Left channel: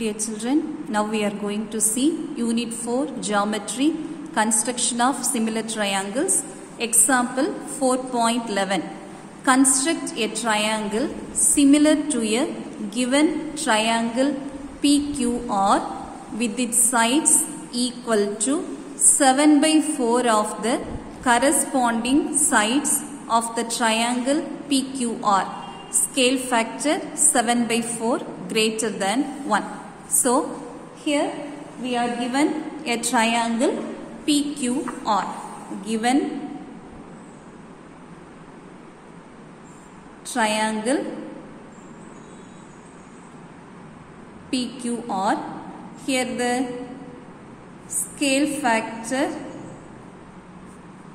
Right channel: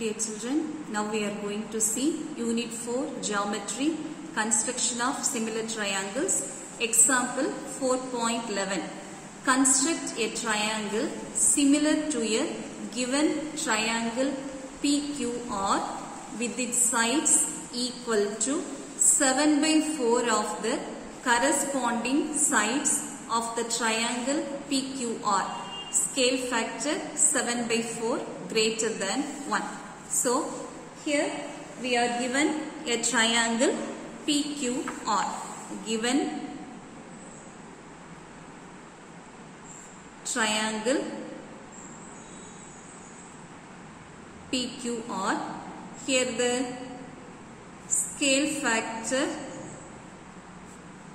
Dear children, now we are going to see Unit 4 Geometry, Construction of Similar Triangles. Example 4.11. Construct a triangle similar to a given triangle PQR with its sides equal to 7 by 4 of the corresponding sides of the triangle PQR. Scale factor 7 by 4 greater than 1. So, here we are given a triangle PQR. Given triangle PQR. Here the scale factor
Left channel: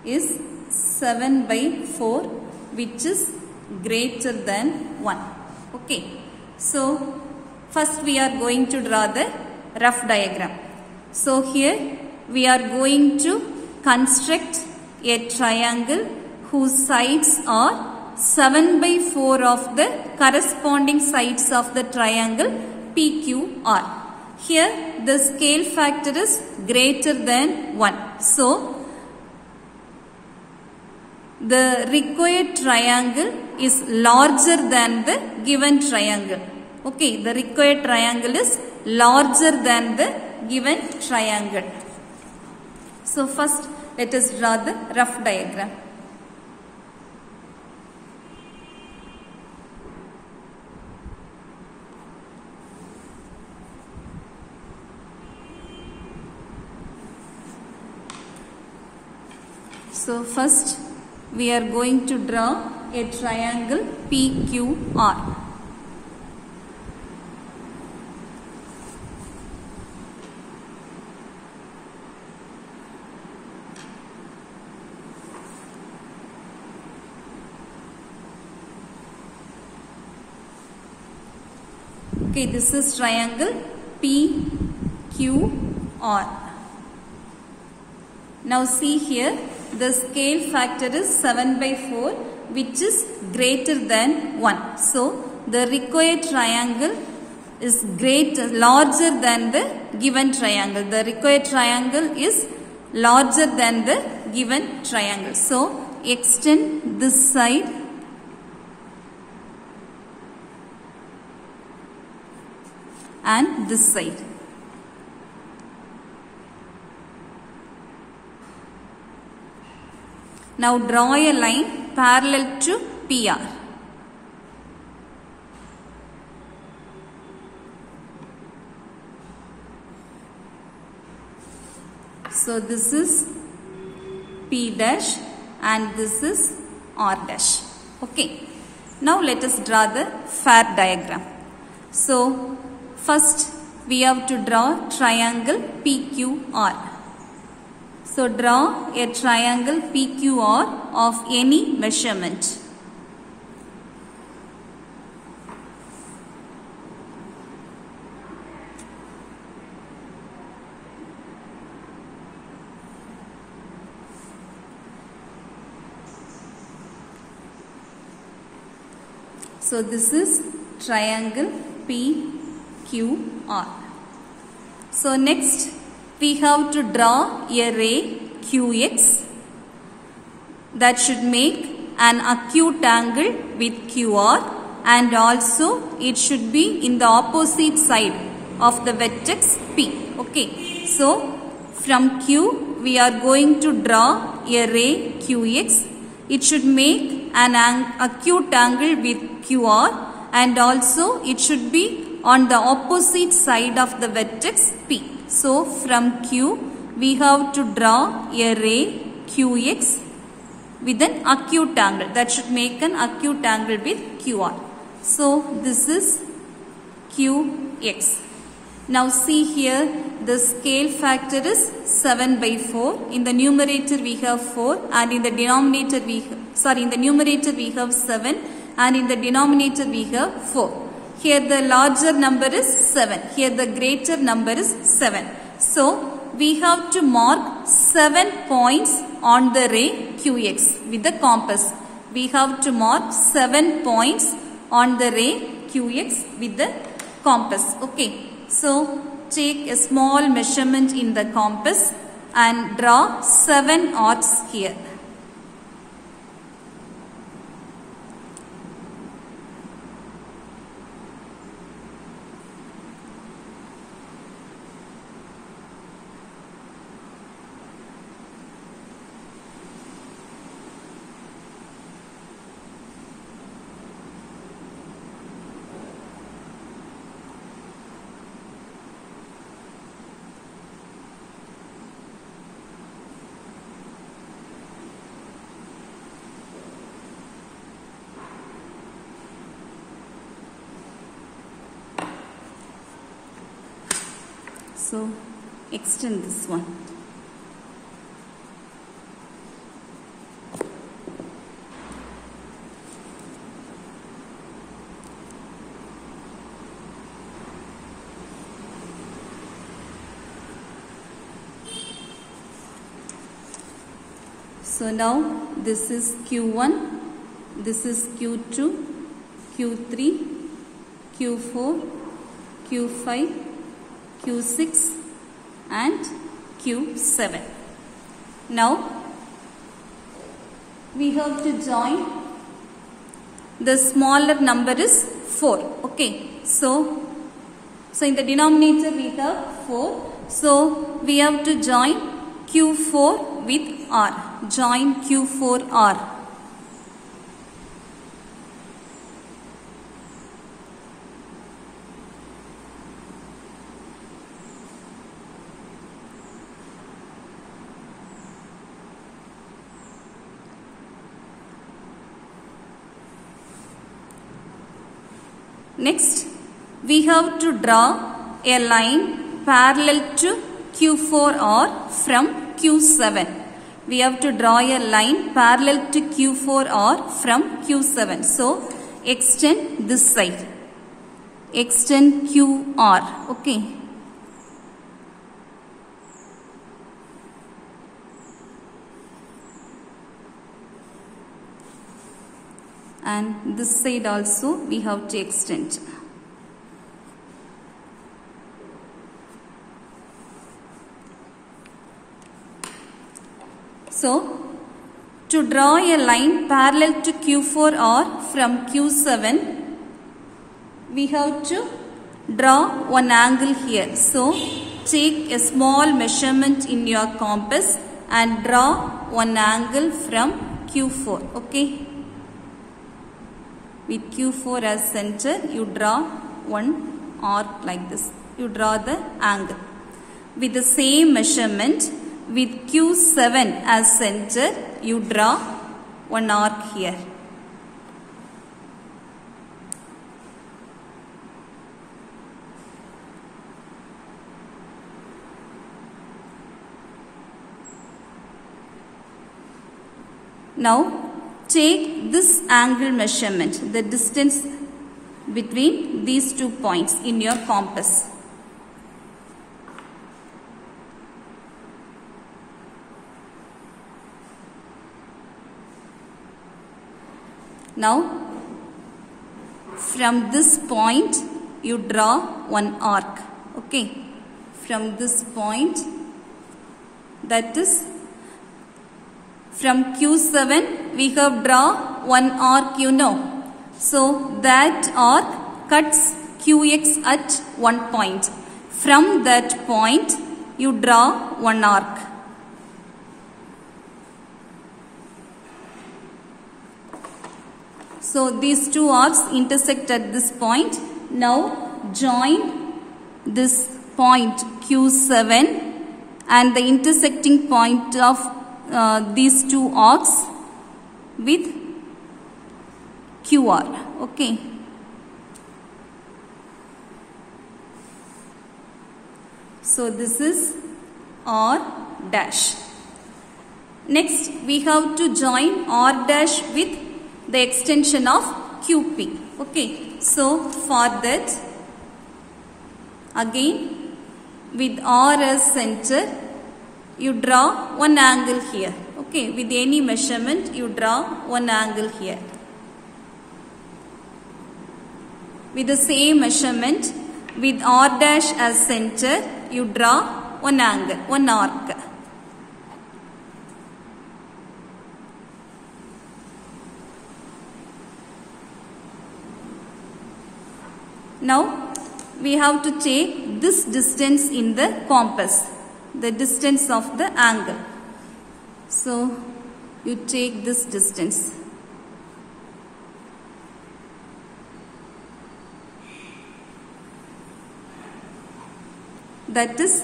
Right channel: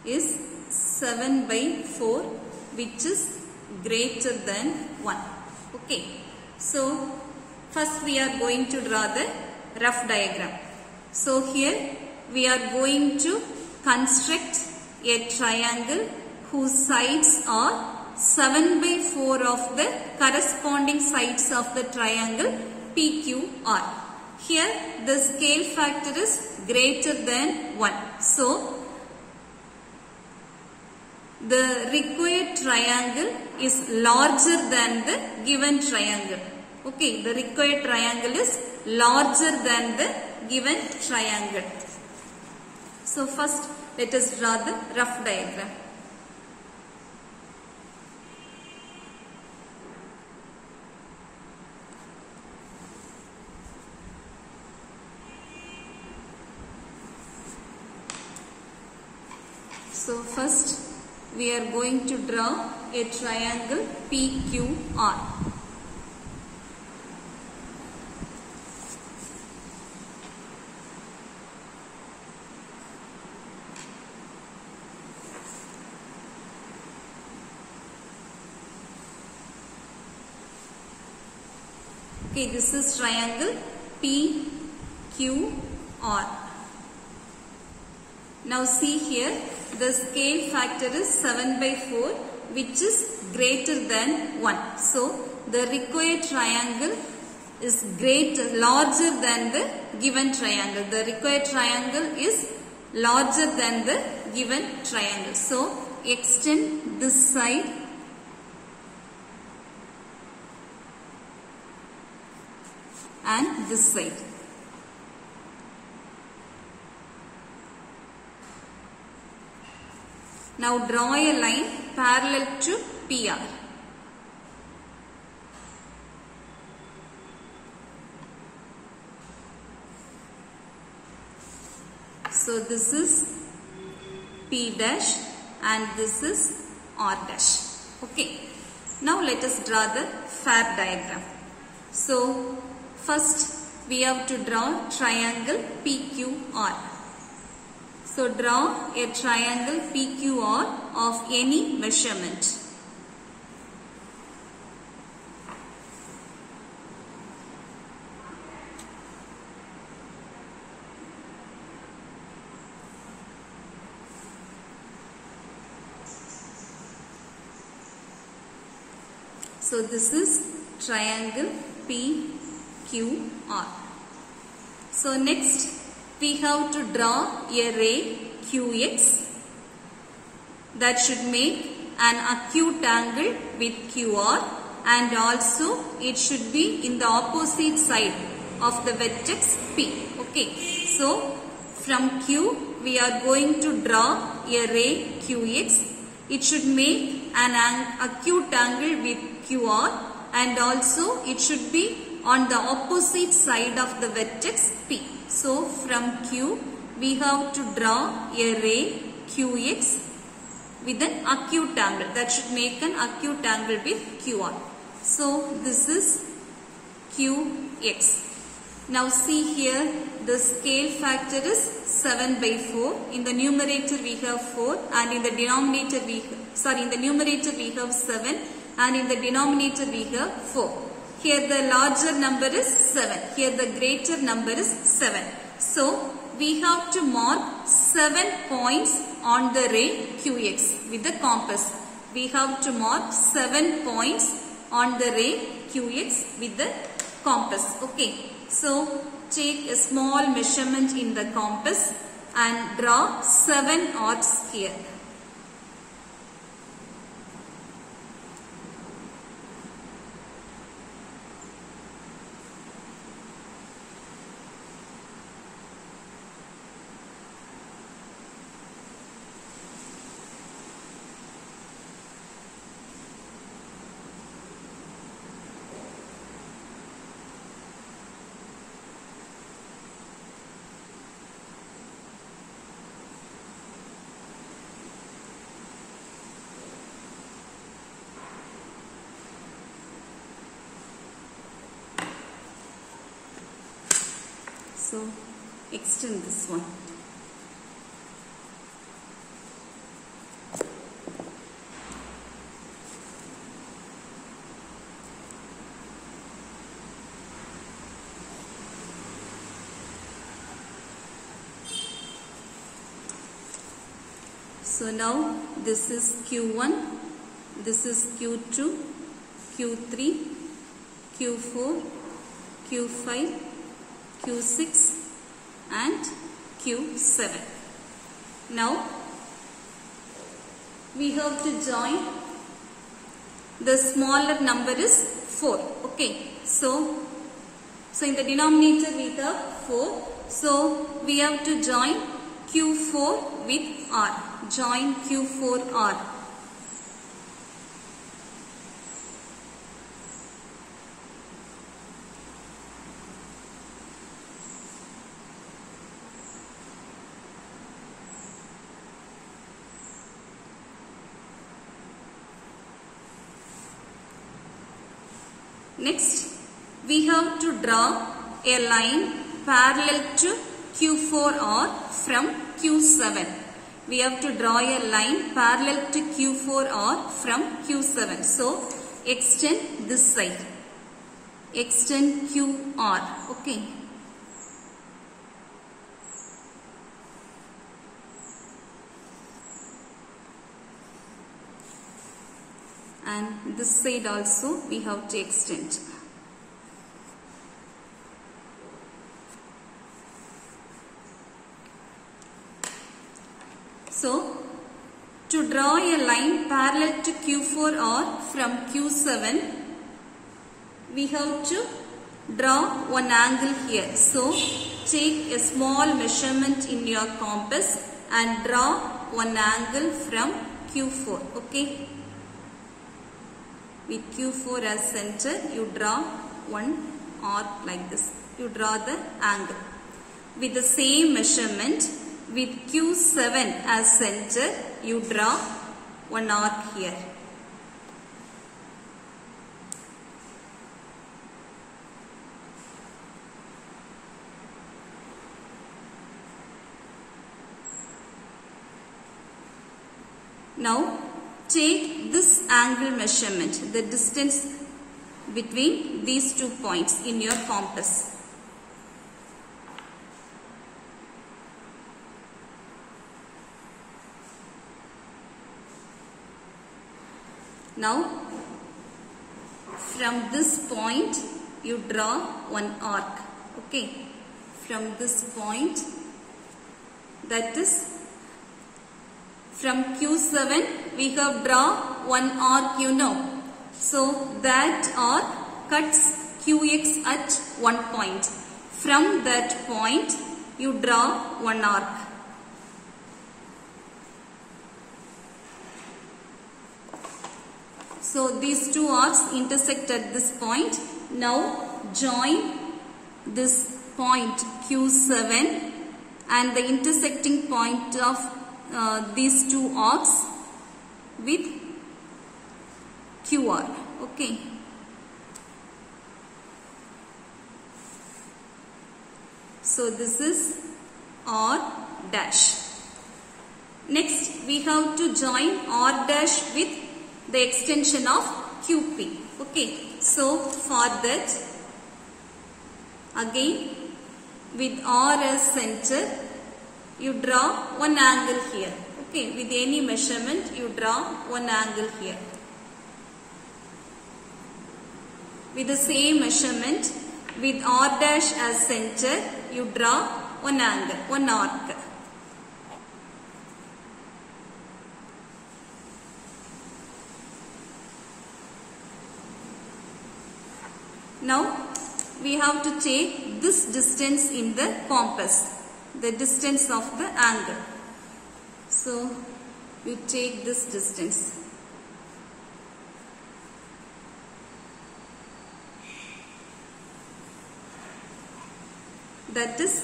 is 7 by 4, which is greater than 1. Okay. So, first we are going to draw the rough diagram. So, here we are going to construct a triangle whose sides are 7 by 4 of the corresponding sides of the triangle PQR. Here the scale factor is greater than 1. So, the required triangle is larger than the given triangle. Okay, the required triangle is larger than the given triangle. So, first let us draw the rough diagram. So, first we are going to draw a triangle PQR. Okay, this is triangle PQR. Now see here, the scale factor is 7 by 4, which is greater than 1. So, the required triangle is larger than the given triangle. The required triangle is larger than the given triangle. So, extend this side and this side. Now draw a line parallel to PR. So this is P dash and this is R dash. Okay. Now let us draw the fair diagram. So first we have to draw triangle PQR. So, draw a triangle PQR of any measurement. So, this is triangle PQR. So, next we have to draw a ray QX that should make an acute angle with QR, and also it should be in the opposite side of the vertex P. Okay. So, from Q we are going to draw a ray QX. It should make an acute angle with QR, and also it should be on the opposite side of the vertex P. So, from Q, we have to draw a ray QX with an acute angle. That should make an acute angle with QR. So, this is QX. Now, see here, the scale factor is 7 by 4. In the numerator, we have 4, and in the denominator, in the numerator, we have 7, and in the denominator, we have 4. Here the larger number is 7. Here the greater number is 7. So, we have to mark 7 points on the ray QX with the compass. We have to mark 7 points on the ray QX with the compass. Okay, so take a small measurement in the compass and draw 7 arcs here. So extend this one. So now this is Q1, this is Q2, Q3, Q4, Q5, Q6 and Q7. Now we have to join. The smaller number is 4. Okay. So in the denominator we have 4. So we have to join Q4 with R. Join Q4 R. Next, we have to draw a line parallel to Q4R from Q7. We have to draw a line parallel to Q4R from Q7. So, extend this side. Extend QR. Okay. And this side also we have to extend. So, to draw a line parallel to Q4R from Q7, we have to draw one angle here. So, take a small measurement in your compass and draw one angle from Q4. Okay. With Q4 as center, you draw one arc like this. You draw the angle. With the same measurement, with Q7 as center, you draw one arc here. Now, take this angle measurement, the distance between these 2 points in your compass. Now, from this point, you draw one arc. Okay. From this point, that is from Q7, we have draw one arc, you know. So, that arc cuts QX at one point. From that point, you draw one arc. So, these two arcs intersect at this point. Now, join this point Q7 and the intersecting point of these two arcs with QR. Okay. So this is R dash. Next, we have to join R dash with the extension of QP. Okay. So for that, again with R as center, you draw one angle here. Okay, with any measurement, you draw one angle here. With the same measurement, with R dash as center, you draw one angle, one arc. Now we have to take this distance in the compass, the distance of the angle. So you take this distance. That is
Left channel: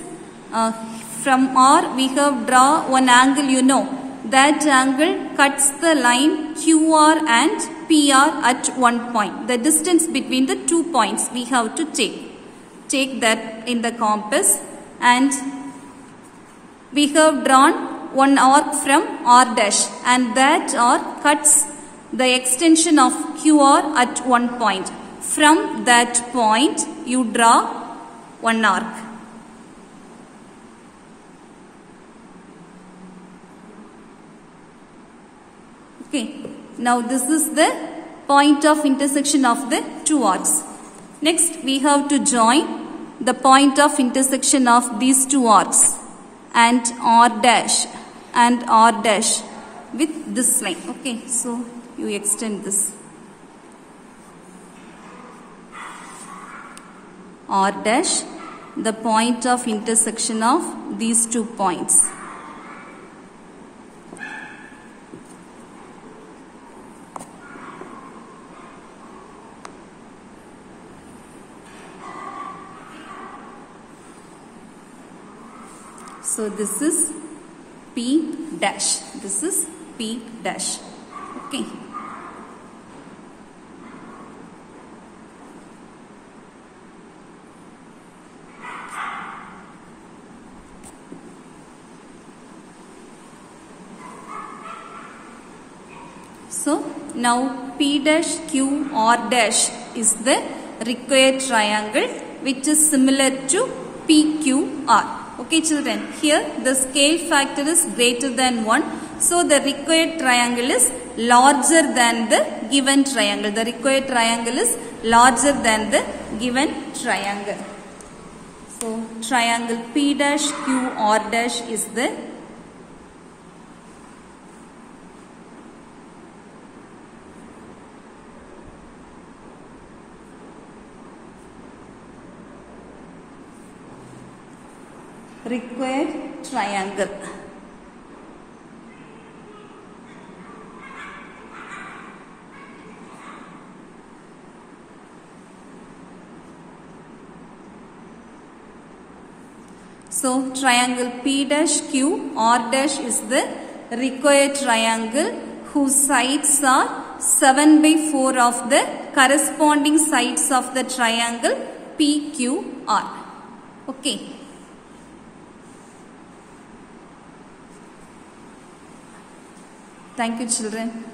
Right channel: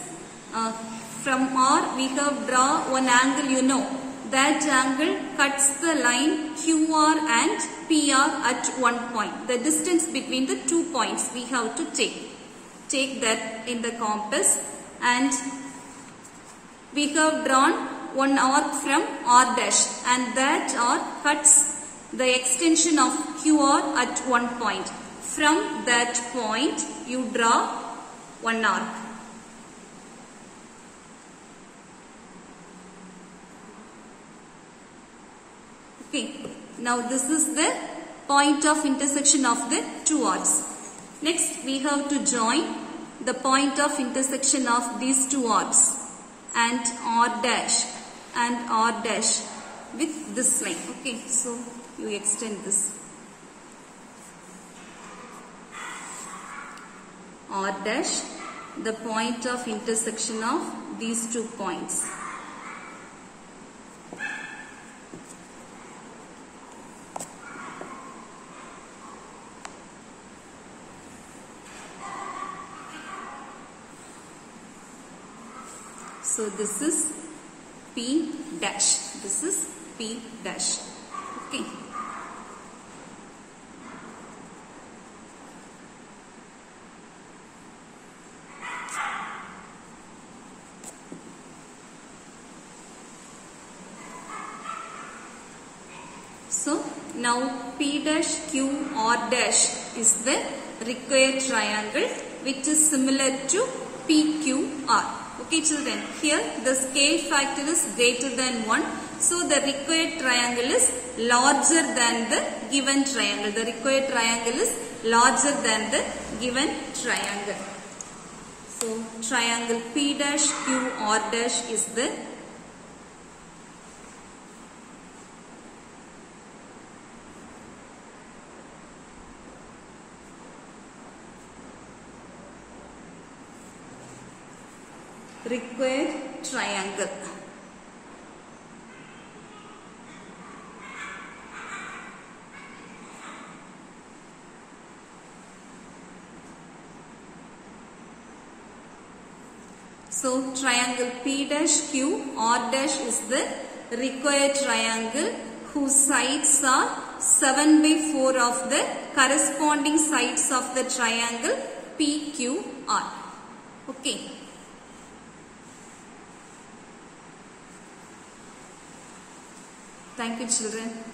from R we have draw one angle, you know. That angle cuts the line QR and PR at one point. The distance between the 2 points we have to take. Take that in the compass, and we have drawn one arc from R dash, and that arc cuts the extension of QR at one point. From that point you draw one arc. Okay, now this is the point of intersection of the two arcs. Next we have to join the point of intersection of these two arcs and R dash with this line. Okay, so you extend this. R dash, the point of intersection of these 2 points. So this is P dash. This is P dash. Okay. So now P dash Q R dash is the required triangle which is similar to PQR. Okay children, here the scale factor is greater than 1. So the required triangle is larger than the given triangle. The required triangle is larger than the given triangle. So triangle P dash Q R dash is the required triangle. So triangle P dash Q R dash is the required triangle whose sides are 7/4 of the corresponding sides of the triangle PQR. Okay. Thank you children.